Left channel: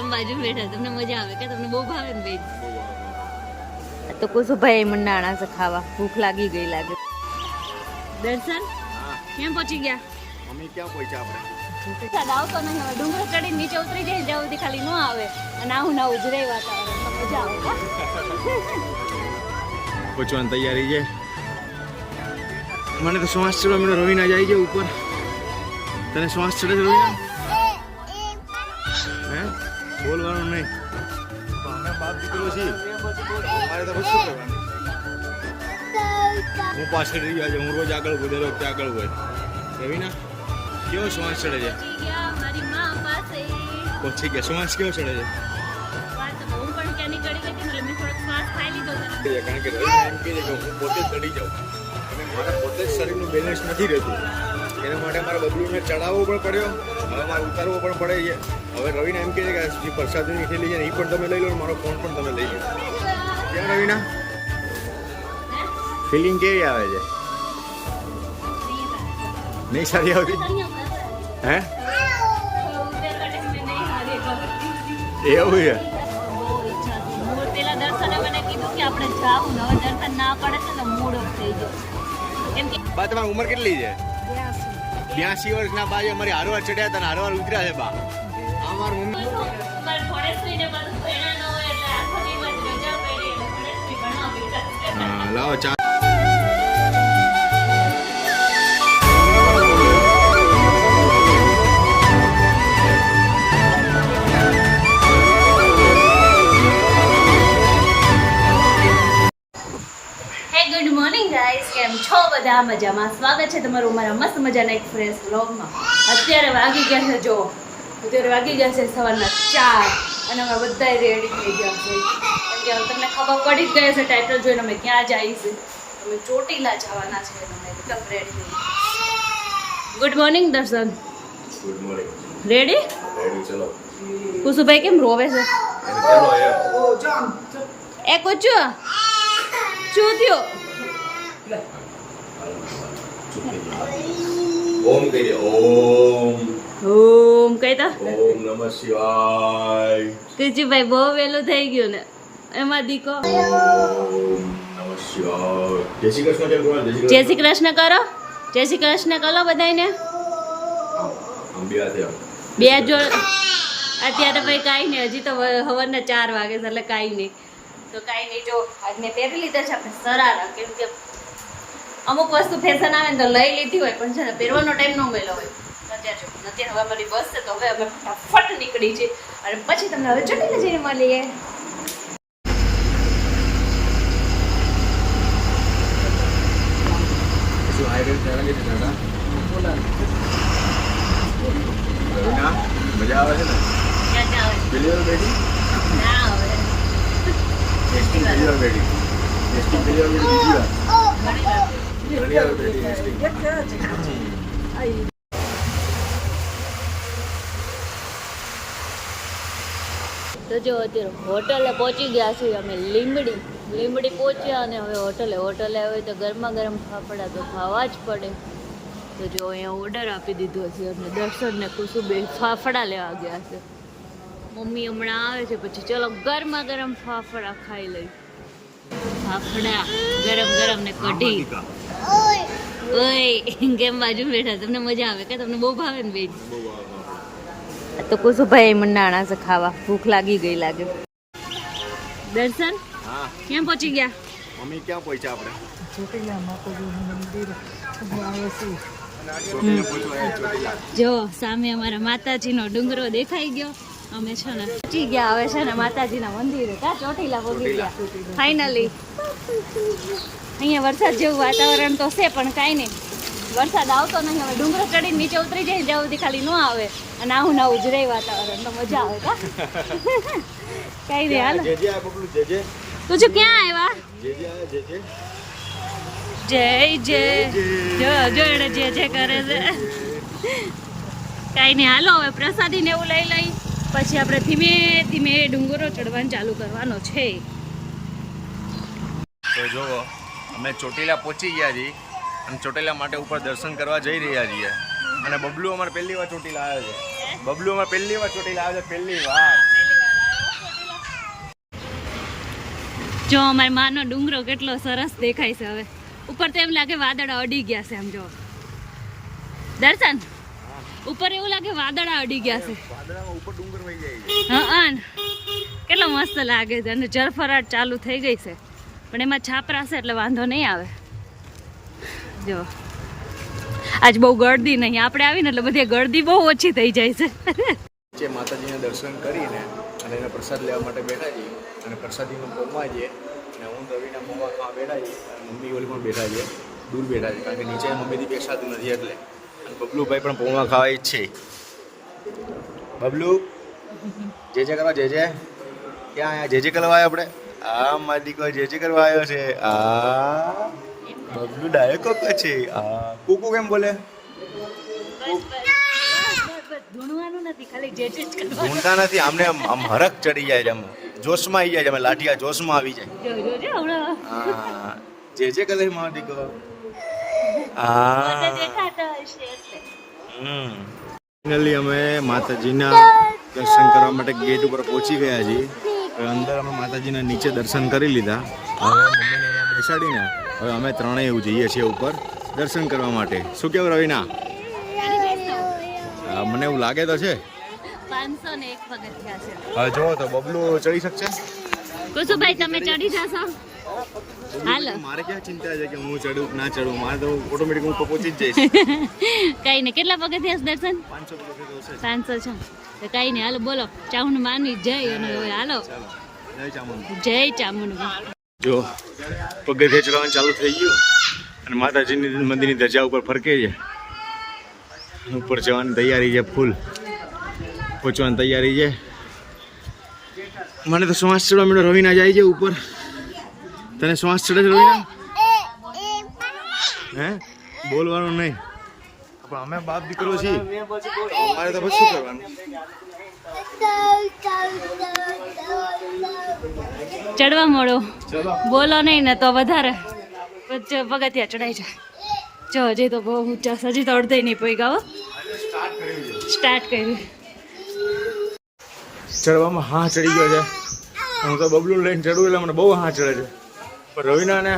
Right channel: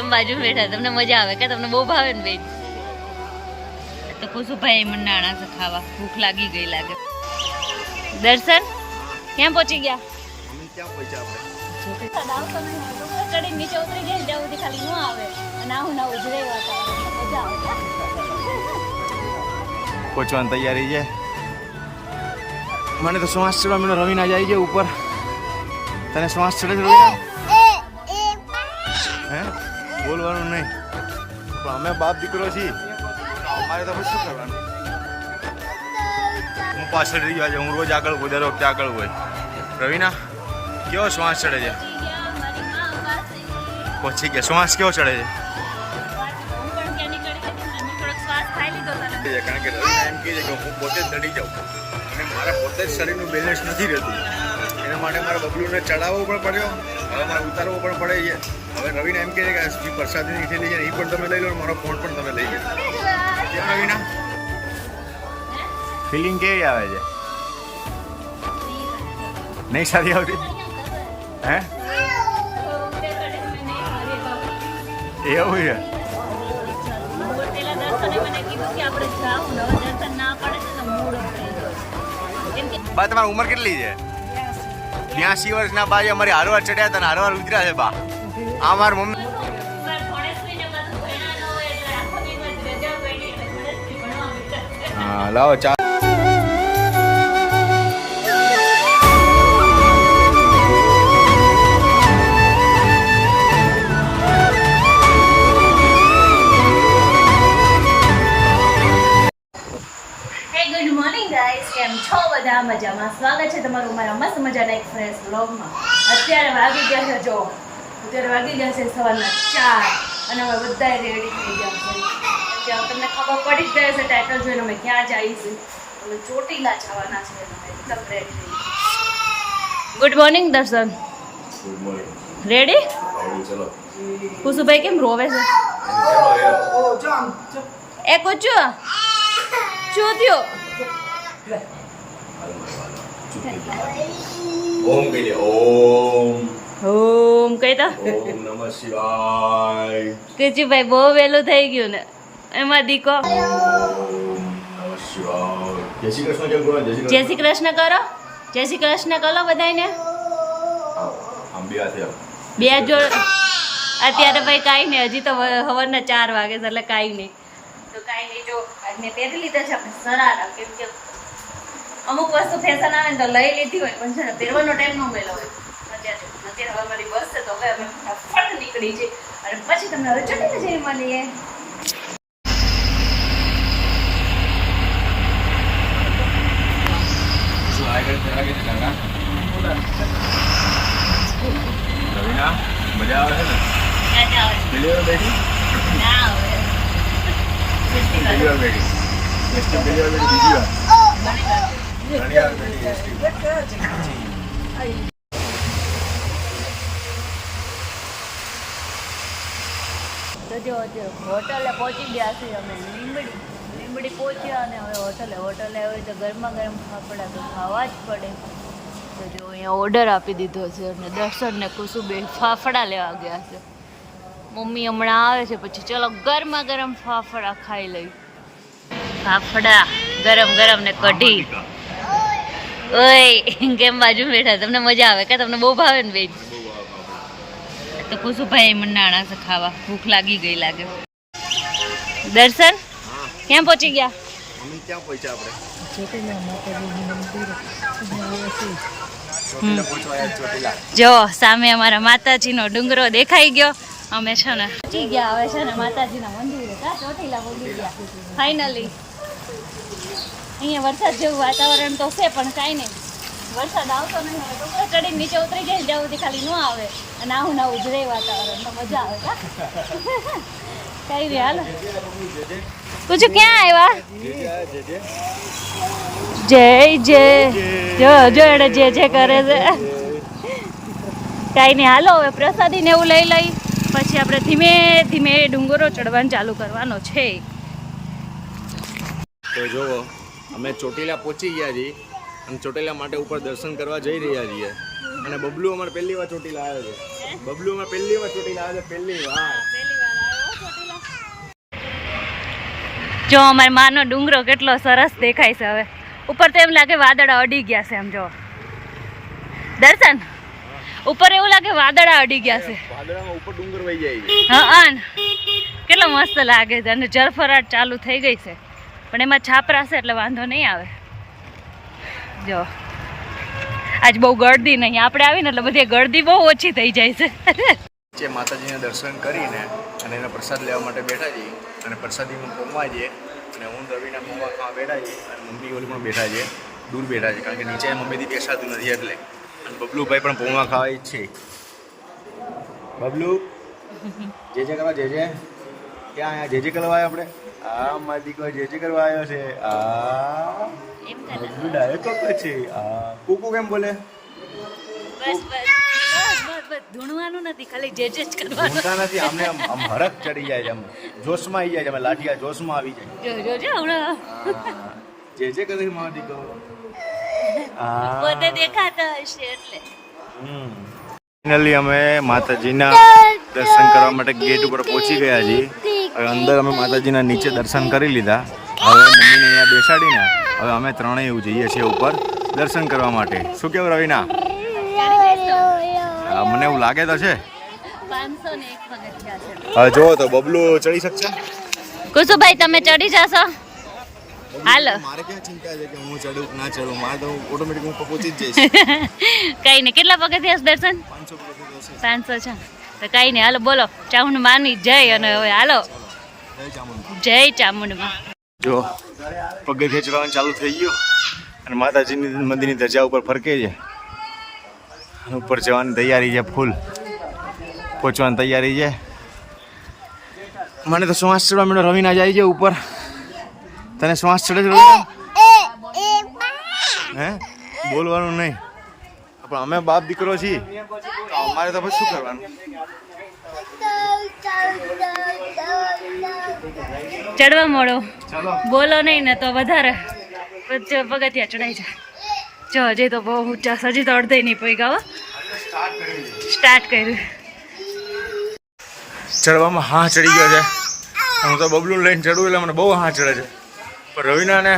કેમ બાજુ બેઠા તમને મજા આવે કે તમને બહુ ભાવે ને બેન? તો કુસુભાઈ મંડાણા છે ખાવા, ભૂખ લાગી ગઈ લાગે. દર્શન ક્યાં પહોંચી ગયા? અમે ક્યાં પહોંચ્યા આપણે? આવતો નહીં હવે ડુંગર ચડીને નીચે ઉતરી જાય જ્યાં સુધી ખાલી ન આવે અને આવું ના ઉજરાય વાતાવરણ તો મજા આવે કા? પહોંચવાની તૈયારી છે. મને તો શ્વાસ ચડવા મને રવિના જાય છે ઉપર. તને શ્વાસ ચડે છે રવિના? હે બોલવાનું નહીં પણ અમે બાપ દીકરો છીએ અમારે તો પછી શું કરવાનું? હું પાછળ રહી ગયો છે, હું રોજ આગળ હોય, દર વખતે આગળ હોય. રવિના કેવો શ્વાસ ચડે છે? પહોંચી ગયા. શ્વાસ કેવો ચડે છે? કારણ કે રવિના એમ કહે છે કે હું પોતે જ ચડી જાઉં અને મારા પોતે જ શરીરનું બેલેન્સ નથી રહેતું. એના માટે મારા બબલુને ચડાવવો પણ પડ્યો, હવે મારે ઉતારવો પણ પડે છે. હવે રવિના એમ કહે છે કે જે પ્રસાદીની થેલી છે એ પણ તમે લઈ લો, મારો ફોન પણ તમે લઈ લો. કેમ રવિના, ફિલિંગ કેવી આવે છે? નહીં સારી આવતી? હે એવું છે? બા તમારી ઉંમર કેટલી છે? 82 વર્ષના બા છે. અમારી હારવાર ચડ્યા હતા ને હારવાર ઉતર્યા છે બા. આ મારી મમ્મી. હા લાવો ચા. ગુડ મોર્નિંગ ગાઈસ, કેમ છો બધા? મજામાં? સ્વાગત છે તમારું મારા મસ્ત મજાના એક ફ્રેશ વ્લોગમાં. અત્યારે વાગી ગયા છે, જો અત્યારે વાગી ગયા છે સવારના 4 અને અમે બધા રેડી થઈ ગયા છે. કેમ કે તમને ખબર પડી જ ગઈ છે ટાઇટલ જોઈને અમે ક્યાં જઈએ છીએ. અમે ચોટીલા જવાના છે અને અમે એકદમ રેડી થઈ ગયા. ગુડ મોર્નિંગ દર્શન. Good morning. રેડી? રેડી ચલો. કુસુભાઈ કેમ રોવે છે? એ કુચુ શું થયું? ઓમ કહી દે. ઓમ ઓમ કહેતા ઓમ નમઃ શિવાય. કુચુભાઈ બહુ વહેલું થઈ ગયું ને એમાં દીકો. નમઃ શિવાય. જય શ્રી કૃષ્ણ કેમ કહો? જય શ્રી કૃષ્ણ કરો. જય શ્રી કૃષ્ણ કરો બધાને. આમ બે હાથે આમ. બે જોડ. અત્યારે ભાઈ કાંઈ નહીં, હજી તો સવારના 4 વાગે છે એટલે કાંઈ નહીં. તો કાંઈ નહીં, જો આજ મેં પહેરી લીધા છે આપણે સરારા. કેમ કે અમુક વસ્તુ ફેશન આવે ને તો લઈ લીધી હોય પણ છે ને પહેરવાનો ટાઈમ ન મળ્યો હોય. અત્યારે હવે અમારી બસ છે તો હવે અમે ફટ નીકળી છે અને પછી તમને હવે ચોટીલા જઈને મળીએ. શું આગળ લાગે છે કાકા? મજા આવે છે ને? ક્યાં જાવ? પેલી વાર બેઠી? ના હવે પેલી વાર બેઠી. એસટી પેલી વાર બેઠી, બીજી વાર ઘણી વાર બેઠી એસટી. તો જો અત્યારે હોટલે પહોંચી ગયા છીએ અમે. લીંબડી પહોંચ્યા અને હવે હોટલે આવે તો ગરમા ગરમ ફાફડા તો ખાવા જ પડે. તો જો અહીંયા ઓર્ડર આપી દીધો છે અને દર્શન ને કુસુબે ફાફડા લેવા ગયા છે. મમ્મી હમણાં આવે છે પછી ચલો ગરમા ગરમ ફાફડા ખાઈ લઈ. ફાફડા ગરમ ગરમ ને કઢી. ઓય કેમ બાજુ બેઠા? તમને મજા આવે કે તમને બહુ ભાવે ને બેન? તો કુસુભાઈ મંડાણા છે ખાવા, ભૂખ લાગી ગઈ લાગે. દર્શન ક્યાં પહોંચી ગયા? અમે ક્યાં પહોંચ્યા આપણે? જો સામે અમારા માતાજીનો ડુંગરો દેખાઈ ગયો. અમે છે ને પહોંચી ગયા હવે છે ને માતાજીના મંદિરે. કા ચોટીલા પહોંચી ગયા ફાઇનલી. અહીંયા વરસાદ જેવું વાતાવરણ તો છે પણ કાંઈ નહીં, વરસાદ આવતો નહીં. હવે ડુંગરો ચડીને નીચે ઉતરી જાય જ્યાં સુધી ખાલી ન આવે અને આવું ના ઉજરાય વાતાવરણ તો મજા આવે. કા કાંઈ નહીં, હાલો. તું ક્યાં આવ્યા? જય જય જો એને જે કરે છે. કાંઈ નહીં, હાલો હવે પ્રસાદી ને એવું લઈ લઈ પછી આપણે ધીમે ધીમે ડુંગરો ચડવાનું ચાલુ કરવાનો છે. તો જોવો અમે ચોટીલા પહોંચી ગયા છીએ અને ચોટીલા માટે ઉપર દર્શન કરવા જઈ રહ્યા છીએ. અને બબલુ અમારે પહેલી વાર ચોટીલા આવ્યો છે. બબલુ અમારે પહેલી વાર ચોટીલા આવ્યો છે. પહેલી વાર જો અમારી માનો ડુંગરો કેટલો સરસ દેખાય છે. હવે ઉપર તો એમ લાગે વાદળા અડી ગયા છે. આમ જો દર્શન ઉપર એવું લાગે વાદળા અડી ગયા છે. ઉપર ડુંગર વહી જાય. હા કેટલો મસ્ત લાગે છે. અને જળફરાટ ચાલુ થઈ ગઈ છે, પણ એમાં છાપરા છે એટલે વાંધો નહીં આવે. જો આજ બહુ ગળદી નહીં, આપણે આવીને એટલે બધી ગળદી બહુ ઓછી થઈ જાય છે. જે માતાજીના દર્શન કરીને અને એનો પ્રસાદ લેવા માટે બેઠા છીએ, અને પ્રસાદીમાં પહોંચવા જઈએ, અને હું રવિના પૌવા ખાવા બેઠા છીએ, અને મમ્મી ઓલી પણ બેઠા છે, દૂર બેઠા છે, કારણ કે નીચે મમ્મીથી બેસાતું નથી એટલે. અને બબલુભાઈ પણ પૌવા ખાવા જ છે. બબલુ જે કરવા જે ક્યાં અહીંયા જે કરવા આવ્યો આપણે? આ મારી દીકરો જે કરવા આવ્યો છે. આ બબલુ ડાયરેક્ટ કક્કો છે. કુકુ કેમ બોલે? ધૂણવાનું નથી, ખાલી જે જ કરવાનું. ધૂણતા નથી, આમને આમ હરખ ચડી જાય છે, આમ જોશમાં આવી જાય છે, અમે લાઠિયા જોશમાં આવી જાય. જો હમણાં જે કરે મારો દીકરો. પોતે દેખાતો હશે એટલે. ફાઇનલી અમે માતાજીના દર્શન કરવા માટે ગેટ ઉપર પહોંચી ગયા છીએ. અંદર અમે માતાજીના નીચે દર્શન કરી લીધા. હવે મમ્મીને અહીંયા બેસાડીને હવે અમે ત્રણેય એવું જઈએ છીએ ઉપર દર્શન કરવા માટે. શું કેવું રવિના? મને એવું લાગે તો છે. 501 પગથિયા છે. હવે જોવો તો બબલુ ચડી શકશે? કુસુભાઈ તમે ચડી જશો? હાલો. મારે ક્યાં ચિંતા છે કે હું ચડું કે ના ચડું, મારે તો ઓટોમેટિક હું પહોંચી જ જઈશ. કઈ નહીં. કેટલા પગથિયા દર્શન? 500 પગથિયા હશે. 500 છે તો કઈ નહીં. હાલો બોલો ચામુંડ માની જય. અને હવે હાલો જય ચામુંડ. જય ચામુંડમાં. જો પગથિયા ચડવાનું ચાલુ થઈ ગયું, અને માતાજીની મંદિરની ધજા ઉપર ફરકે છે. ઉપર જવાની તૈયારી છે, ફૂલ પહોંચવાની તૈયારી છે. મને તો શ્વાસ ચડવા માંડ્યો. રવિના જાય છે ઉપર. તને શ્વાસ ચડે છે રવિના? હે બોલવાનું નહીં, પણ અમે બાપ દીકરો છીએ તો અમારે તો પછી શું કરવાનું? ચડવા મળો, ચલો બોલો નહીં ને તો વધારે પગથિયા ચડાઈ જાય. જો હજી તો બહુ ઊંચા, હજી તો અડધે નહીં પગ્યા. સ્ટાર્ટ કર્યું. ચડવામાં હા ચડી ગયો છે. હું તો બબલું લઈને ચડું એટલે મને બહુ હા ચડે છે, પણ રવિના ને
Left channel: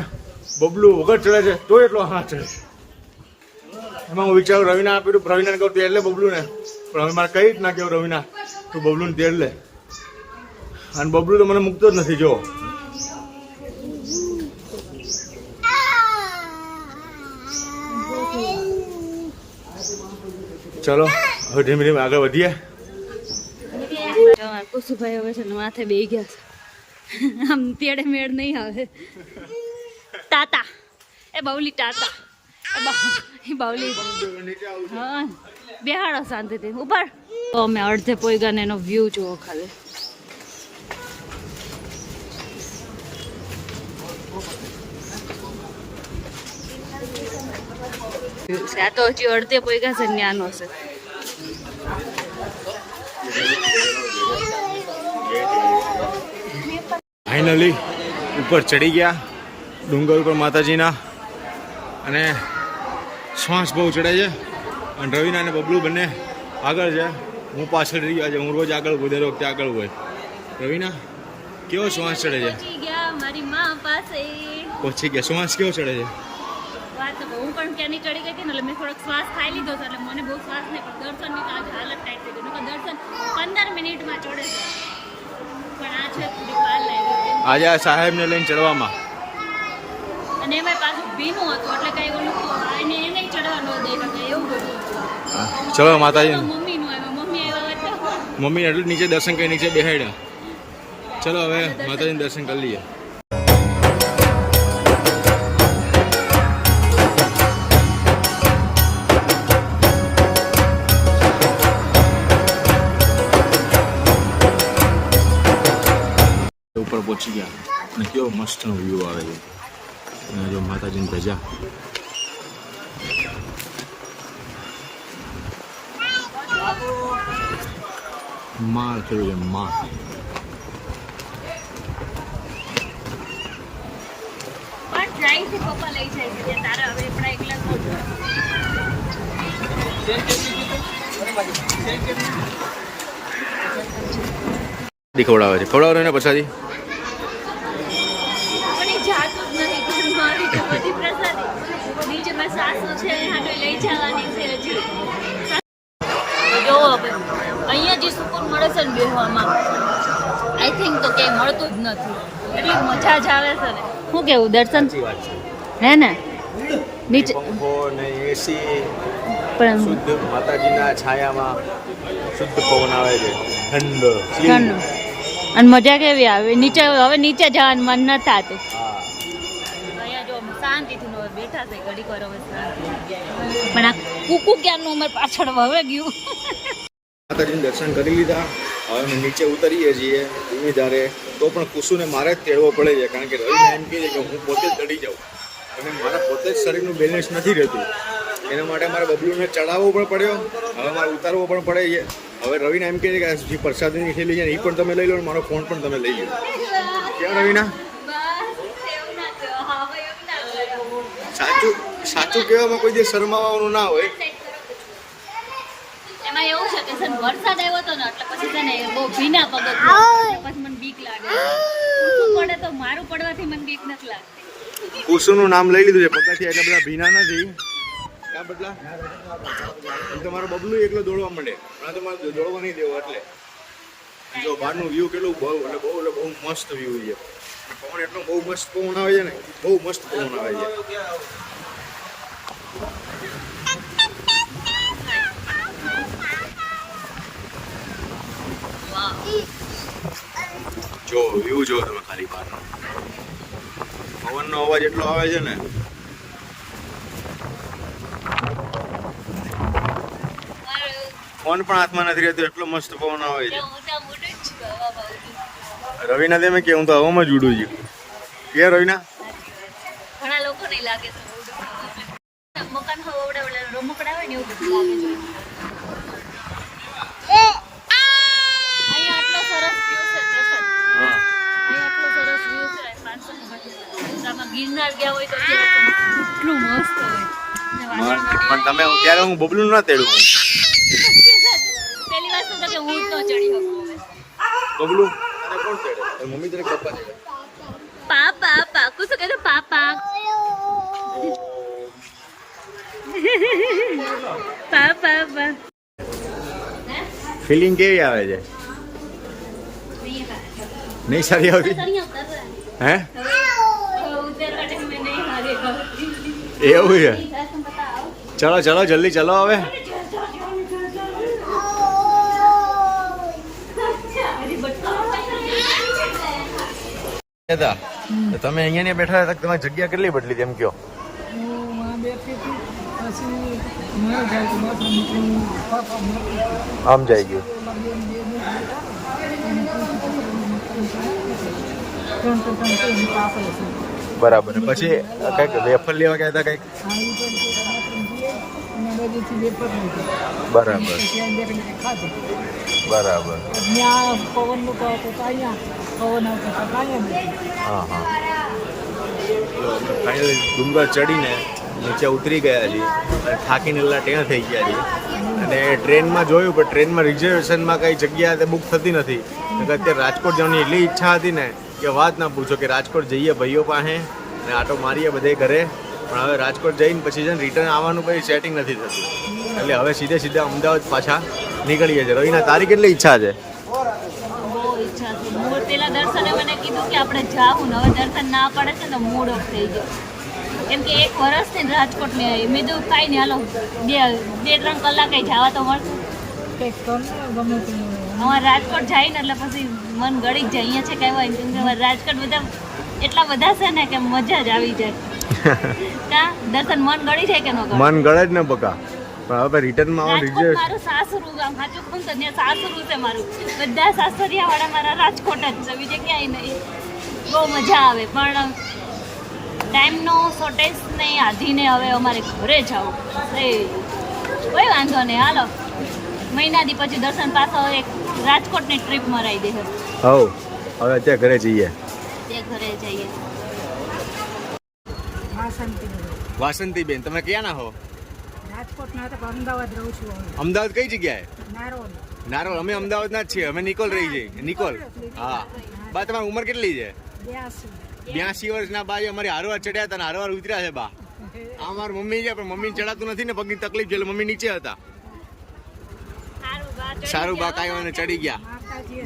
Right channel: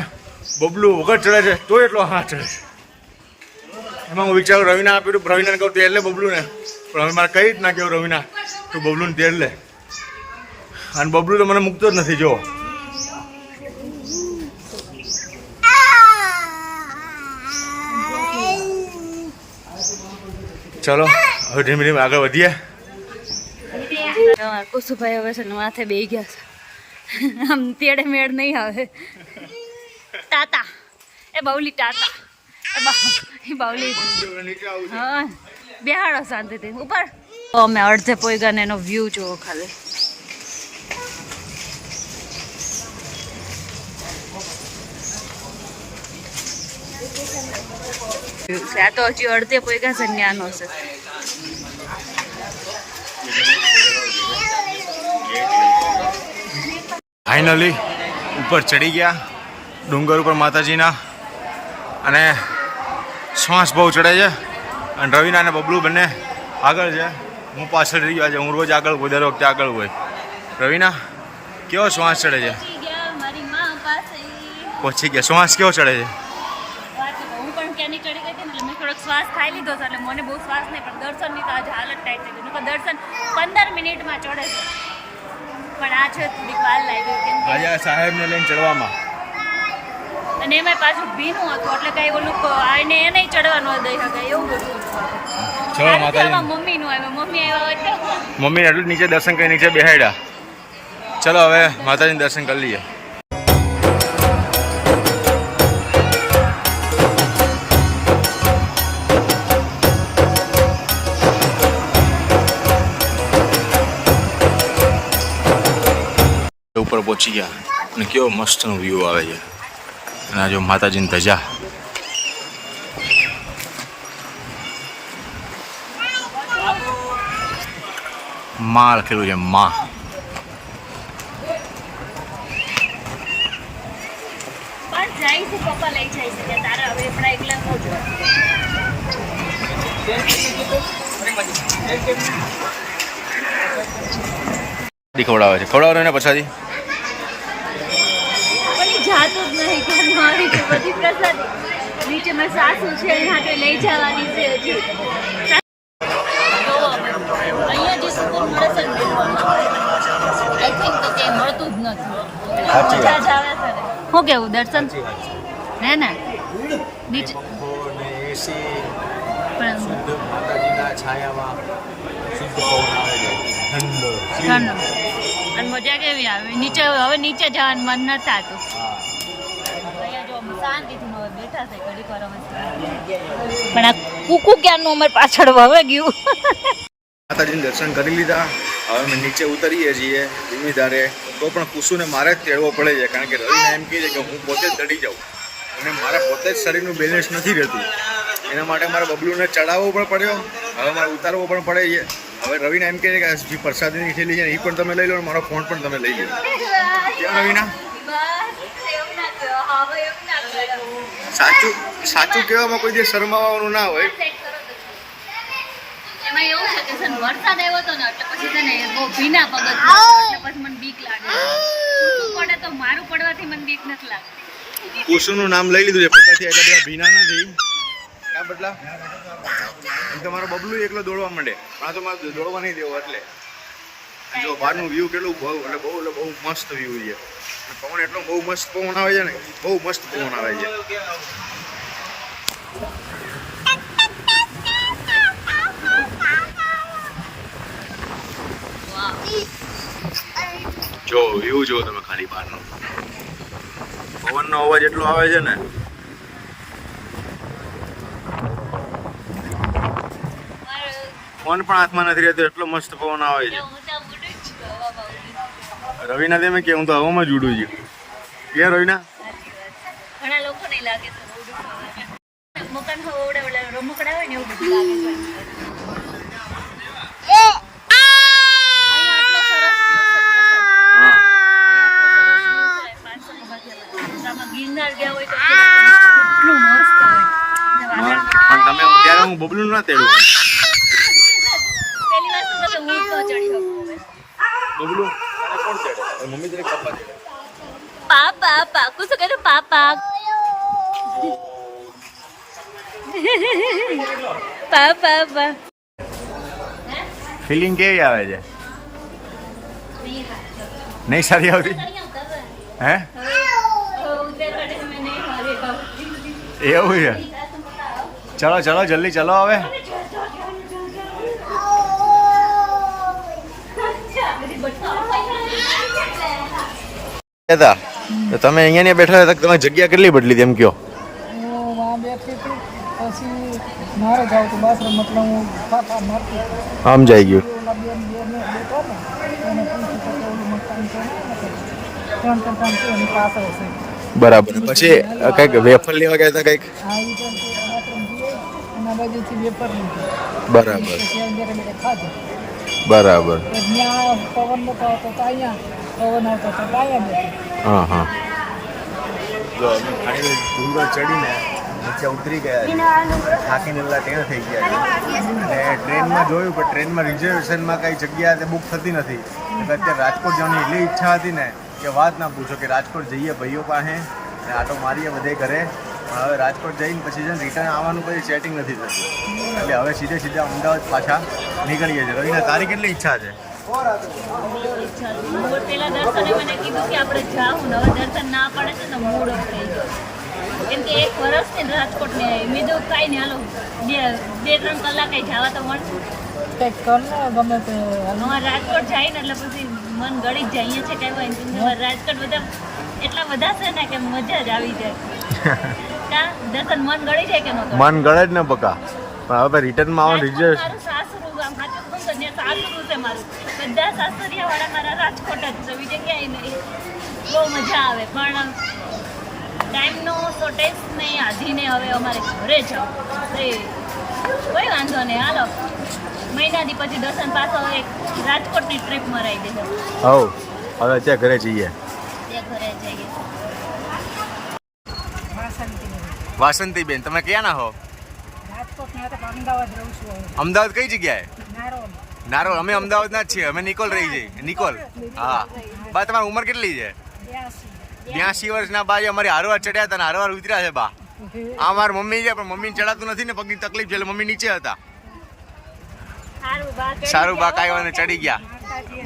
બબલું વગર ચડે છે તો એટલો હા ચડે છે. એમાં હું વિચારું રવિના આપેલું, રવિનાને કહું તેલ લે બબલું ને, પણ હવે મારે કઈ રીતના કહું રવિના તું બબલુને તેલ લે, અને બબલું તો મને મૂકતો જ નથી. જો ચલો હવે ધીમે ધીમે આગળ વધીએ. કુસુભાઈ હવે છે ને માથે બેસી ગયા છે. આમ તેડે મેળ નહીં આવે. તાતા એ બાવલી, તાતા એ બાવલી. હા બેહાડો શાંતિથી ઉપર. તો અમે અડધે પોઈગા ને એનો વ્યૂ જુઓ ખાલી. આ તો હજી અડધે પોઈગા છે, ન્યાનો છે. ફાઇનલી ઉપર ચડી ગયા ડુંગર ઉપર માતાજીના, અને શ્વાસ બહુ ચડે છે. અને રવિના અને બબલુ બંને આગળ છે, હું પાછળ રહી ગયો છે. હું રોજ આગળ હોય, દર વખતે આગળ હોય. રવિના કેવો શ્વાસ ચડે છે? પહોંચી ગયા. શ્વાસ કેવો ચડે છે? હું પણ ક્યાંની ચડી ગઈ હતી ને એટલે મેં થોડોક શ્વાસ ખાઈ લીધો હતો, એટલે મને બહુ શ્વાસ નહીં. પણ દર્શનની તો આજે હાલત ટાઈટ થઈ ગઈ. દર્શન 15 મિનિટમાં ચડે છે, પણ આ છે થોડીક વાર લાગી કેમ આજે આ સાહેબને લઈને ચડવામાં. અને એમાં પાછું ભીનું હતું એટલે કઈ ઓલું આને એ નહીં ચડવાનું દઈ શકાય એવું બધું હતું. ચલો માતાજી. મમ્મીનું આવ્યા, મમ્મી આવ્યા હોય મમ્મીને એટલું નીચે દર્શન કરી નીચે બેહાડ્યા. ચલો હવે માતાજીને દર્શન કરી લઈએ. ઉપર પહોંચી ગયા, અને કેવો મસ્તનો વ્યૂ આવે છે. અને આ જો માતાજીની ધજા. માં લખેલું છે માં. ખવડાવે છે, ખવડાવે ને પ્રસાદી. બધી પ્રસાદી નીચે મેં સાસુ છે હાથે લઈ જવાની છે હજી જો અહીંયા જે સુકૂન મળે છે ને બેહવામાં આઈ થિંક તો કે મળતું જ નથી એટલી મજા જ આવે છે ને શું કેવું દર્શન હે ને નીચે પંખો ને એસી પણ શુદ્ધ માતાજીના છાયામાં શુદ્ધ પવન આવે છે ઠંડો ઠંડો અને મજા કેવી આવે નીચે હવે નીચે જવાનું મન ન થતું હા અહીંયા જો અમે શાંતિથી નો બેઠા છે ઘડીક વાર હવે શાંતિ પણ આ કુકુ ક્યારનું અમારી પાછળ વવે ગયું માતાજીને દર્શન કરી લીધા હવે અમે નીચે ઉતરીએ છીએ ધીમી ધારે તો પણ કુસુને મારે જ તેડવો પડે છે કારણ કે રવિને એમ કહે છે કે હું પોતે જ ચડી જાઉં અને મારા પોતે જ શરીરનું બેલેન્સ નથી રહેતું એના માટે મારે બબલુને ચડાવવો પણ પડ્યો હવે મારે ઉતારવો પણ પડે છે હવે રવિને એમ કહે છે કે જે પ્રસાદીની થેલી છે ને એ પણ તમે લઈ લો અને મારો ફોન પણ તમે લઈ લો ક્યાં રવિના સાચું સાચું કહેવામાં કોઈ દિવસ શરમાવાનું ના હોય એમાં એવું છે કે છે ને વરસાદ આવ્યો હતો ને એટલે પછી છે ને બહુ ભીના પગથિયા એટલે પછી મને બીક લાગે ઊંચું પડે તો મારું પડવાથી મને બીક નથી લાગતી કુસુનું નામ લઈ લીધું છે પગથિયા એટલે બધા ભીના નથી ક્યાં બદલા એમ તો મારો બબલું એકલો દોડવા માંડે પણ આ તો મારે દોડવા નહીં દેવો એટલે જો બહારનું વ્યૂ કેટલું બહુ મસ્ત વ્યૂ છે પવન એટલો બહુ મસ્ત પવન આવે છે ને બહુ મસ્ત પવન આવે છે જો વ્યૂ જો તમે ખાલી બહારનો પવનનો અવાજ એટલો આવે છે ને ફોન પણ હાથમાં નથી રહેતો એટલો મસ્ત પવન આવે છે રવિના તેમ કે હું તો હવામાં જ ઉડું છું કે રવિના ઘણા લોકો નહીં લાગે છે મકાન હોવડે રમકડા હોય ને એવું બધું લાગે છે ગિરનાર ગયા હોય તો કેટલું મસ્ત હોય પણ તમે ત્યારે હું બબલું ના તેડું પેલી વાત તો કે હું તો ચડી શકું હવે બબલું અને કોણ તેડે મમ્મી તને પપ્પા તેડે પાપા પાકુ શું કહે પાપા પાપા ફિલિંગ કેવી આવે છે નહીં સારી આવતી હે એવું છે ચલો ચલો જલ્દી ચલો હવે તો તમે અહીંયા ને બેઠા હતા તમે જગ્યા કેટલી બદલી તેમ કયો હું વहाँ બેઠી હતી પછી મારે જાવ તો બસ મતલબ હું ફાફા મારતી સમજાઈ ગયું ઓલા બેન બેઠા ને એને પૂછ્યું કે ઓલું મકાન છે ને ત્રણ એની પાસે છે બરાબર પછી કઈક વેફર લેવા ગયા હતા કઈક આ એ પણ બાથરૂમ જઈએ એના બાજુથી વેપર લીધી બરાબર ત્યાં બેઠા બેઠા ખાધું બરાબર ત્યાં પવન નતો આવતો તો અહીંયા પવન આવતો તો અહીંયા બેઠી હા હા તો અમે ફાઇનલ ડુંગર ચડીને નીચે ઉતરી ગયા છીએ અને થાકીને એટલા ટેણ થઈ ગયા છીએ અને ટ્રેનમાં જોયું પણ ટ્રેનમાં રિઝર્વેશનમાં કઈ જગ્યા તે બુક થતી નથી અત્યારે રાજકોટ જવાની એટલી ઈચ્છા હતી ને કે વાત ના પૂછો કે રાજકોટ જઈએ ભાઈઓ પાસે અને આટો મારીએ બધે ઘરે પણ હવે રાજકોટ જઈને પછી છે ને રિટર્ન આવવાનું પછી સેટિંગ નથી થતું એટલે હવે સીધા અમદાવાદ પાછા નીકળીએ છીએ રવિના તારી કેટલી ઈચ્છા છે બહુ ઈચ્છા છે હું પેલા દર્શને મને કીધું કે આપણે જાવું ને હવે દર્શન ના પડે છે ને મૂડ ઓફ થઈ ગયો કેમ કે એક વર્ષથી રાજકોટ ને મેં તો કાંઈ નહીં હાલો બે ત્રણ કલાકે જવા તો મળશે કંઈક કર ને ગમે તે અમારે રાજકોટ જાય ને એટલે પછી મન ગળી જ જાય અહીંયા છે કહેવાય ને કેમ કે રાજકોટ બધા એટલા બધા છે ને કે મજા જ આવી જાય દર્શન મન ગળી જાય કે ન ગળે મન ગળે જ ને બકા પણ હવે રિટર્નમાં આવો રિઝર્વેશન મારું સાસરું ગામ સાચું કહું તો ત્યાં સાસરું છે મારું બધા સાસરિયા વાળા મારા રાજકોટ જ છે બીજે ક્યાંય નહીં બહુ મજા આવે પણ ટાઈમનો શોર્ટેજ નહીં આધીને હવે અમારે ઘરે જવું કોઈ વાંધો નહીં હાલો મહિનાથી પછી દર્શન પાછો એક રાજકોટની ટ્રીપ મરાઈ દે હવ હવે અત્યારે ઘરે જઈએ ત્યાં ઘરે જઈએ વાસંતીબેન તમે ક્યાં ના હો રાજકોટ ના હતા અમદાવાદ રહું છું હવે અમદાવાદ કઈ જગ્યાએ નારોલ નારોલ અમે અમદાવાદ ના જ છીએ અમે નિકોલ રહી જઈએ નિકોલ હા બા તમારી ઉંમર કેટલી છે 82 82 વર્ષના બા અમારી હારવાર ચડ્યા હતા ને હારવાર ઉતર્યા છે બા. આ મારી મમ્મી છે પણ મમ્મીને ચડાતું નથી ને, પગની તકલીફ છે એટલે મમ્મી નીચે હતા. સારું બા કાંઈ ચડી ગયા,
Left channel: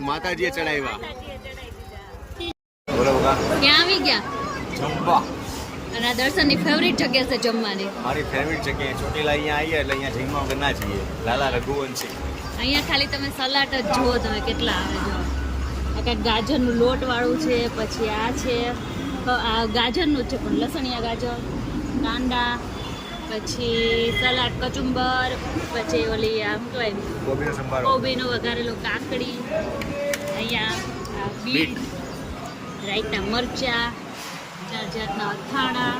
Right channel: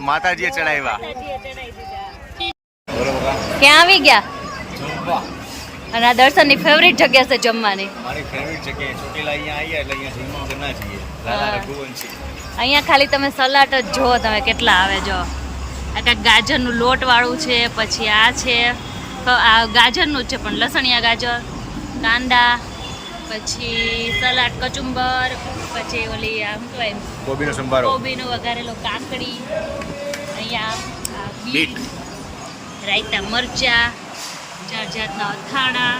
માતાજીએ ચડાવ્યા. બોલો બકા, ક્યાં આવી ગયા? જમવા. અને આ દર્શનની ફેવરિટ જગ્યા છે જમવાની. મારી ફેવરિટ જગ્યાએ ચોટીલા અહીંયા આવીએ એટલે અહીંયા જમવા વગર ના જઈએ. લાલા રઘુવંશી. અહીંયા ખાલી તમે સલાડ જ જુઓ તમે કેટલા આવે. જો આ કાંઈક ગાજરનું લોટ વાળું છે, પછી આ છે આ ગાજરનું જ છે પણ લસણિયા ગાજર, કાંદા, પછી સલાડ કચુંબર, પછી ઓલી શું કહેવાય કોબીનો સંભારો, કોબીનો વઘારેલો કાકડી, અહીંયા બીટ, રાયતા મરચા, 4 જાતના અથાણા,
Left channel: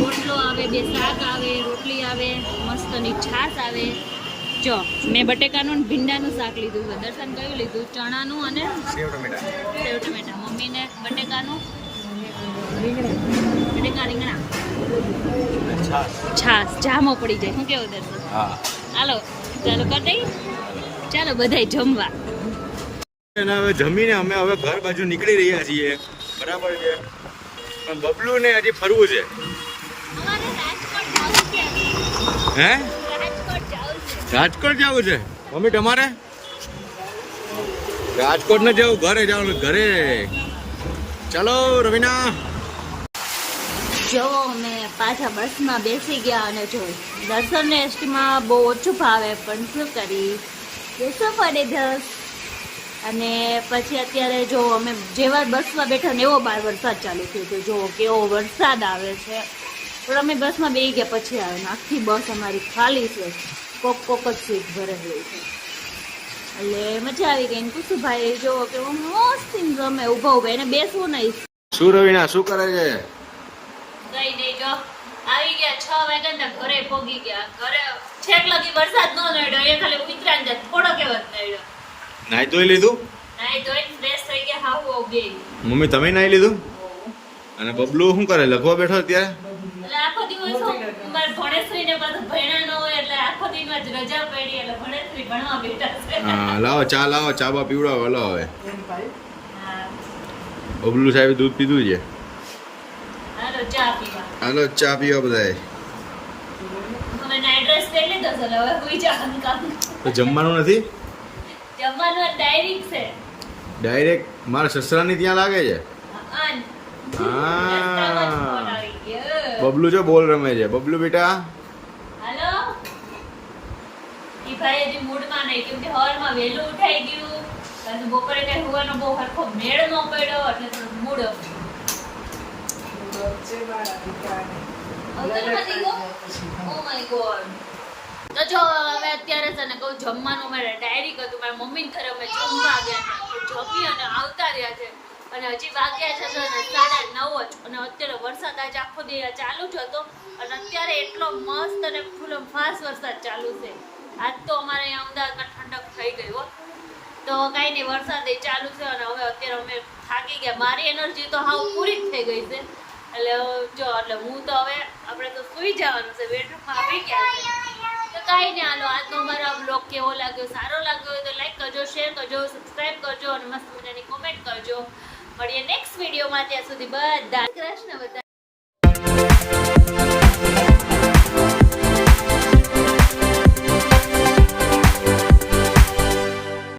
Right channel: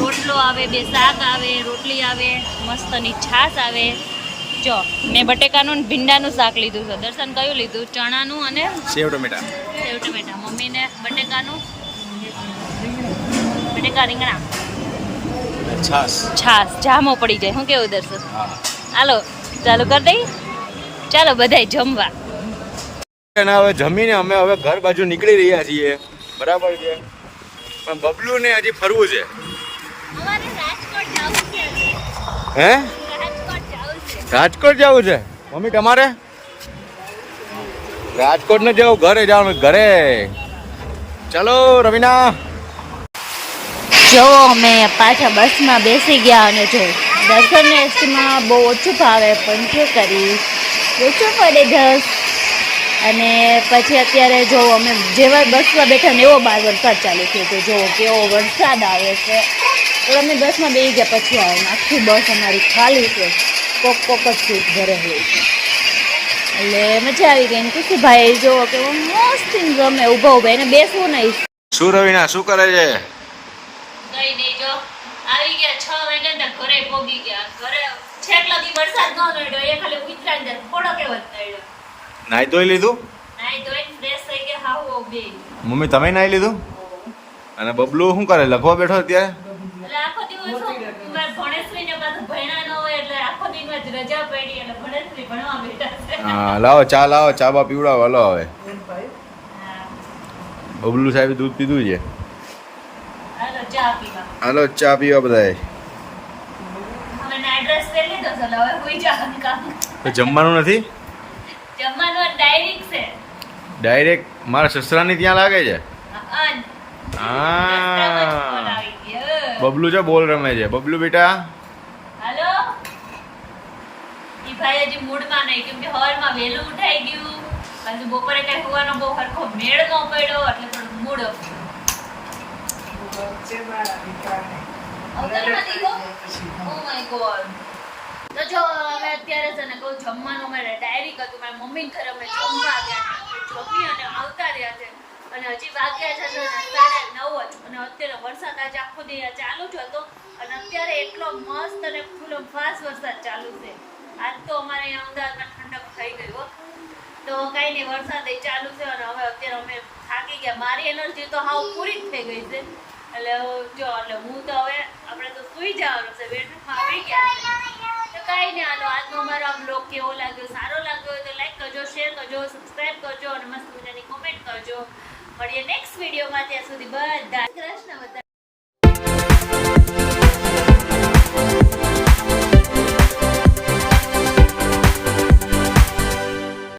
રોટલો આવે, 2 શાક આવે, રોટલી આવે, મસ્તની છાશ આવે. જો મેં બટેકાનું ને ભીંડાનું શાક લીધું છે. દર્શન કયું લીધું? ચણાનું અને સેવ ટમેટા. સેવ ટમેટા. મમ્મીને બટેકાનું, બટેકા રીંગણા, છાશ. જામો પડી જાય. શું કેવું દર્શન? હા. હાલો ચાલુ કરી દઈએ. ચાલો બધાય જમવા. અને હવે જમીને અમે હવે ઘર બાજુ નીકળી રહ્યા છીએ. બરાબર છે, પણ બબલુ ને હજી ફરવું છે. અમારે રાજકોટ જવું છે. હે? રાજકોટ જવું છે. રાજકોટ જવું છે મમ્મી તમારે? રાજકોટ ને જવું, ઘરે જવાનું. ઘરે ચલો રવિના. જો અમે પાછા બસમાં બેસી ગયા અને જો દર્શનની વસ્તુમાં બહુ ઓછું ભાવે પણ શું કરી, ઓછું પડે ઘસ. અને પછી અત્યારે જો અમે જેવા બસમાં બેઠા ને એવો બહાર વરસાદ ચાલુ થયો તો જો કેવો વરસાદ આવે છે. તો અમે બસમાં બેસી ગયા પછી આવે ને આખી બસ અમારી ખાલી છે, કોક જ સીટ ભરે હોય છે. એટલે મજા આવી ગઈ ને ખુશીભાઈ જો કે મસ્ત ગમે ઊભા ઊભા એને બેસવું નહીં. શું રવિના શું કરે છે? કઈ નહીં, જો આવી ગયા 6 વાગ્યા ને ઘરે પોગી ગયા. ઘરે છેક લગી વરસાદ ન નડ્યો, એ ખાલી ઉતરાન જાય થોડો કેવો નડ્યો. નાઈ ધોઈ લીધું? નાઈ ધોઈ ફ્રેશ થઈ ગયા. હાવો બે મમ્મી તમે નાઈ લીધું? અને બબલુ શું કરે, લખવા બેઠો અત્યારે? એટલે આખો દિવસ મારે ભણેશ્રી ને પાછું ભણ્યા ન હોય એટલે આખો દિવસ રજા પડી એટલે ભણેશ્રી ભણવા બેઠા છે. હા લાવો ચા બા પીવડાવો. હલો હવે હા, બબલુ સાહેબ દૂધ પીધું છે. હાલો ચા પીવા. હાલો ચા પીવા બધાએ. હવે ના એડ્રેસ લઈ લીધો છે એટલે હવે હોઈ જવાનું કામ. જમવાનું નથી? જમવાનું ડાયરેક્ટ છે. ડાયરેક્ટ મારા સસરાની ત્યાં લાગે છે. હા, રસ્તામાં જ ફોન આવી ગયો. બબલુ જો બોલ રમે છે. બબલુ બેટા હાલો. ઈ ભાઈ હજી મૂડમાં નહીં કેમ કે હવારમાં વહેલું ઉઠાઈ ગયું, પાછું બપોરે કઈ હોવાનો બહુ હરખો મેળ ન પડ્યો એટલે થોડું mood off. Oh my God. તો જો અમે અત્યારે છે ને કહું જમવાનું અમારે ડાયરી હતું, મારા મમ્મી ઘરે અમે જમવા ગયા હતા, જમી અને આવતા રહ્યા છે અને હજી વાગ્યા છે ને 9:30 જ. અને અત્યારે વરસાદ આજે આખો દિવસ ચાલુ જ હતો અને અત્યારે એટલો મસ્ત અને ફૂલ ફાસ્ટ વરસાદ ચાલુ છે. આજ તો અમારે અહીંયા અમદાવાદમાં ઠંડક થઈ ગઈ હો. તો કાંઈ નહીં, વરસાદ ચાલુ છે અને હવે અત્યારે અમે થાકી ગયા. મારી એનર્જી તો હાવ પૂરી જ થઈ ગઈ છે. એટલે જો એટલે હું તો હવે આપણે તો સુઈ જવાનું છે, બેડરૂમમાં આવી ગયા છે. તો કાંઈ નહીં, હાલો આજનો અમારો આ બ્લોગ કેવો લાગ્યો, સારો લાગ્યો હોય તો લાઈક કરજો, શેર કરજો, સબસ્ક્રાઈબ કરજો અને મસ્ત મજાની કોમેન્ટ કરજો. મળીએ નેક્સ્ટ વિડીયોમાં. ત્યાં સુધી બધા કૃષ્ણ બધા.